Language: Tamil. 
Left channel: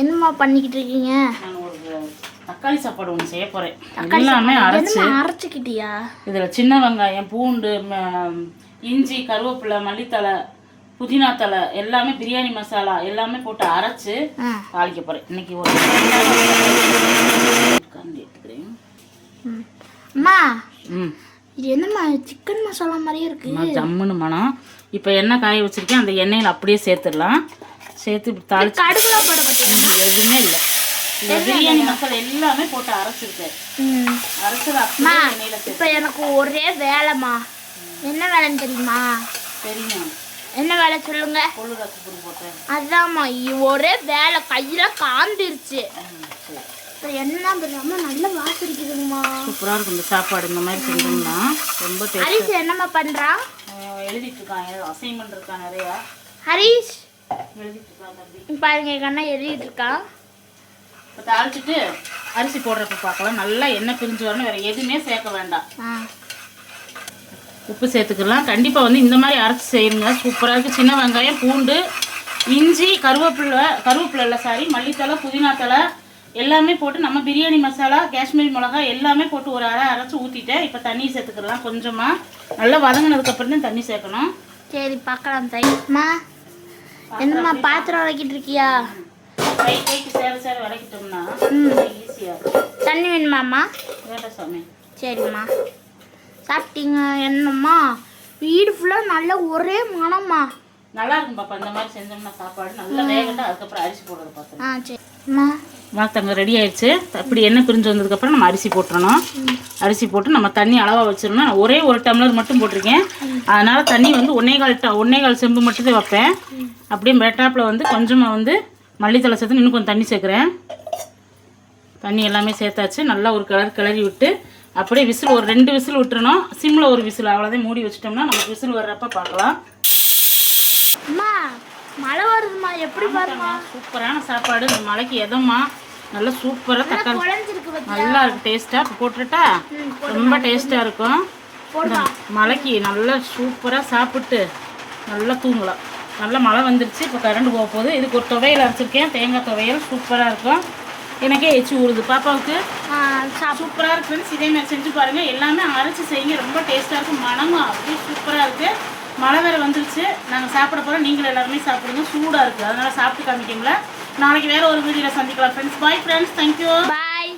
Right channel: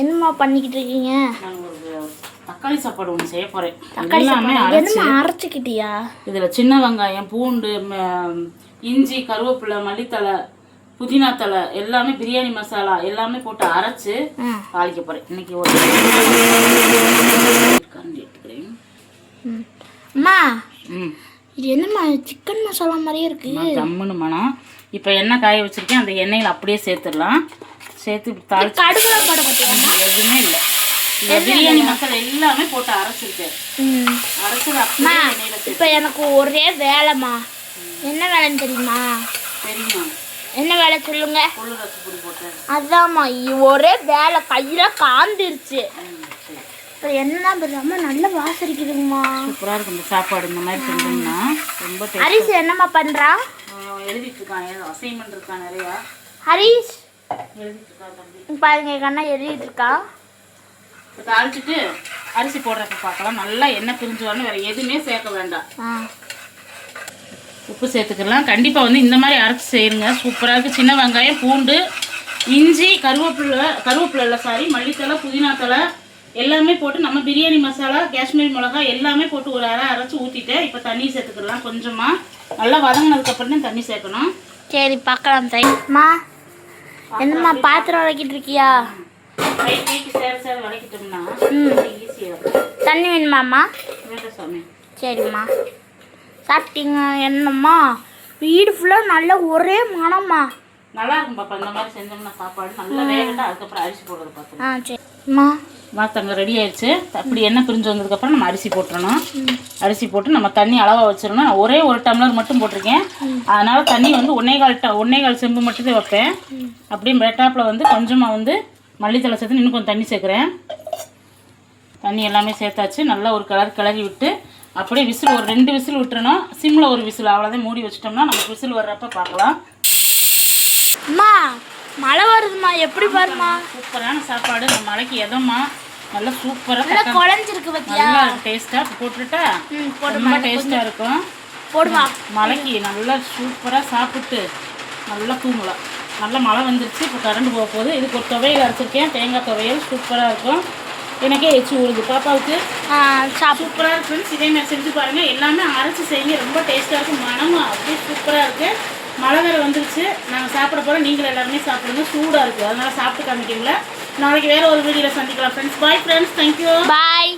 என்னம்மா பண்ணிக்கிட்டு இருக்கீங்க? நான் ஒரு தக்காளி சாப்பாடு ஒன்று செய்ய போகிறேன். எல்லாமே அரைச்சிக்கிட்டியா? இதில் சின்ன வெங்காயம், பூண்டு, இஞ்சி, கருவேப்பிலை, மல்லித்தலை, புதினா தலை எல்லாமே பிரியாணி மசாலா எல்லாமே போட்டு அரைச்சி தாளிக்க போகிறேன். இன்னைக்கு ஒரு அம்மா இது என்னம்மா சிக்கன் மசாலா மாதிரியே இருக்குது. ஜம்முன்னு மனம். இப்போ எண்ணெய் காய வச்சுருக்கேன், அந்த எண்ணெயில் அப்படியே சேர்த்துடலாம். சேர்த்து தாளிச்சு கடுகுலாம் போட மாட்டேன், எதுவுமே இல்லை. பிரியாணி மசாலா எல்லாமே போட்டு அரைச்சிருக்கேன். அரைச்சது அப்படியே எண்ணெயில் சேர்த்து. இப்போ எனக்கு ஒரே வேலைம்மா. என்ன வேலைன்னு தெரியுமா? தெரியும். என்ன வேலை சொல்லுங்க. கொள்ளு ரச பொடி போட்டேன். அதாம்மா ஒரே வேலை, கையில காந்திருச்சு. இப்போ என்ன பண்ணாம நல்ல வாசரிக்குதுங்கம்மா. சூப்பராக இருக்கும் இந்த சாப்பாடு. இந்த மாதிரி செஞ்சோம்னா ரொம்ப டேஸ்ட். ஹரிஷ் என்னம்மா பண்ணுறான்? எழுதிட்டு இருக்கான், அசைன்மெண்ட் இருக்கான் நிறையா. ஹரிஷ் எழுதிட்டு இருக்கான் தம்பி. பாருங்க கண்ணா எழுதிட்டு இருக்கான். இப்போ தாளிச்சிட்டு அரிசி போடுறப்ப பார்க்கலாம். நல்லா எண்ணெய் பிரிஞ்சு வரணும், வேறு எதுவுமே சேர்க்க வேண்டாம். உப்பு சேர்த்துக்கலாம். கண்டிப்பாக வந்து இந்த மாதிரி அரைச்சி செய்யுங்க, சூப்பராக இருக்குது. சின்ன வெங்காயம், பூண்டு, இஞ்சி, கருவேப்பிலை மல்லித்தலை, புதினா தலை எல்லாமே போட்டு நம்ம பிரியாணி மசாலா, காஷ்மீரி மிளகா எல்லாமே போட்டு ஒரு அரைச்சி ஊற்றிட்டேன். இப்போ தண்ணி சேர்த்துக்கலாம் கொஞ்சமாக. நல்லா வதங்கினதுக்கப்புறம் தான் தண்ணி சேர்க்கணும். சரி பார்க்கலாம். தைமா என்னம்மா பாத்திரம் விளக்கிட்டு இருக்கியா? கைக்கு சேர விளக்கிட்டோம்னா ஈஸியாக இருக்கும். தண்ணி வேணுமாம்மா? வேண்டாம் சாமி. சரிம்மா. சாப்பிட்டீங்க? என்னம்மா வீடு ஃபுல்லாக நல்லா ஒரே மனம்மா. நல்லா இருக்கும் பாப்பா. இந்த மாதிரி செஞ்சோம்னா சாப்பாடு நல்லா வேகட்டா. அதுக்கப்புறம் அரிசி போடுறது பார்த்தோம். சரிம்மா. மாத்தங்க ரெடி ஆயிடுச்சு. அப்படி எண்ணெய் பிரிஞ்சு வந்ததுக்கப்புறம் நம்ம அரிசி போட்டுறணும். அரிசி போட்டு நம்ம தண்ணி அளவாக வச்சிடணும். ஒரே ஒரு டம்ளர் மட்டும் போட்டிருக்கேன், அதனால் தண்ணி வந்து ஒன்னே கால் செம்பு மட்டும் வைப்பேன். அப்படியே மேட்டாப்பில் வந்து கொஞ்சமாக வந்து மல்லித்தலை சேர்த்து இன்னும் கொஞ்சம் தண்ணி சேர்க்குறேன். தண்ணி எல்லாமே சேர்த்தாச்சு. நல்லா ஒரு கிளறி விட்டு அப்படியே விசில் ஒரு 2 விசில் விட்டுறணும். சிம்மில் ஒரு விசில், அவ்வளோதான். மூடி வச்சிட்டோம்னா நமக்கு விசில் வர்றப்ப பார்க்கலாம். அம்மா மழை வருதுமா, எப்படி பாருமா. சூப்பரான சாப்பாடு. இந்த மழைக்கு எதம்மா நல்லா சூப்பராக நல்லா டேஸ்ட்டாக போட்டுட்டா ரொம்ப டேஸ்ட்டாக இருக்கும். மழைக்கு நல்லா சூப்பராக சாப்பிட்டு நல்லா தூங்கலாம். நல்லா மழை வந்துருச்சு. இப்போ கரண்ட் போக போகுது. இதுக்கு ஒரு துவையல் அரைச்சிருக்கேன், தேங்காய் துவையல். சூப்பராக இருக்கும். எனக்கே எச்சு ஊறுது. பாப்பாவுக்கு சூப்பராக இருக்குன்னு இதே மாதிரி செஞ்சு பாருங்கள். எல்லாமே அரைச்சி செய்யுங்க, ரொம்ப டேஸ்ட்டாக இருக்கும். மனமும் அப்படியே சூப்பராக இருக்குது. மழை வேறு வந்துருச்சு. நாங்கள் சாப்பிட போகிறோம். நீங்களும் எல்லாருமே சாப்பிடுங்க. சூடாக இருக்குது, அதனால் சாப்பிட்டு காமிக்கிங்களா. நாளைக்கு வேறு ஒரு வீடியோவில் சந்திக்கலாம் ஃப்ரெண்ட்ஸ். Bye friends. தேங்க்யூ. பாய்.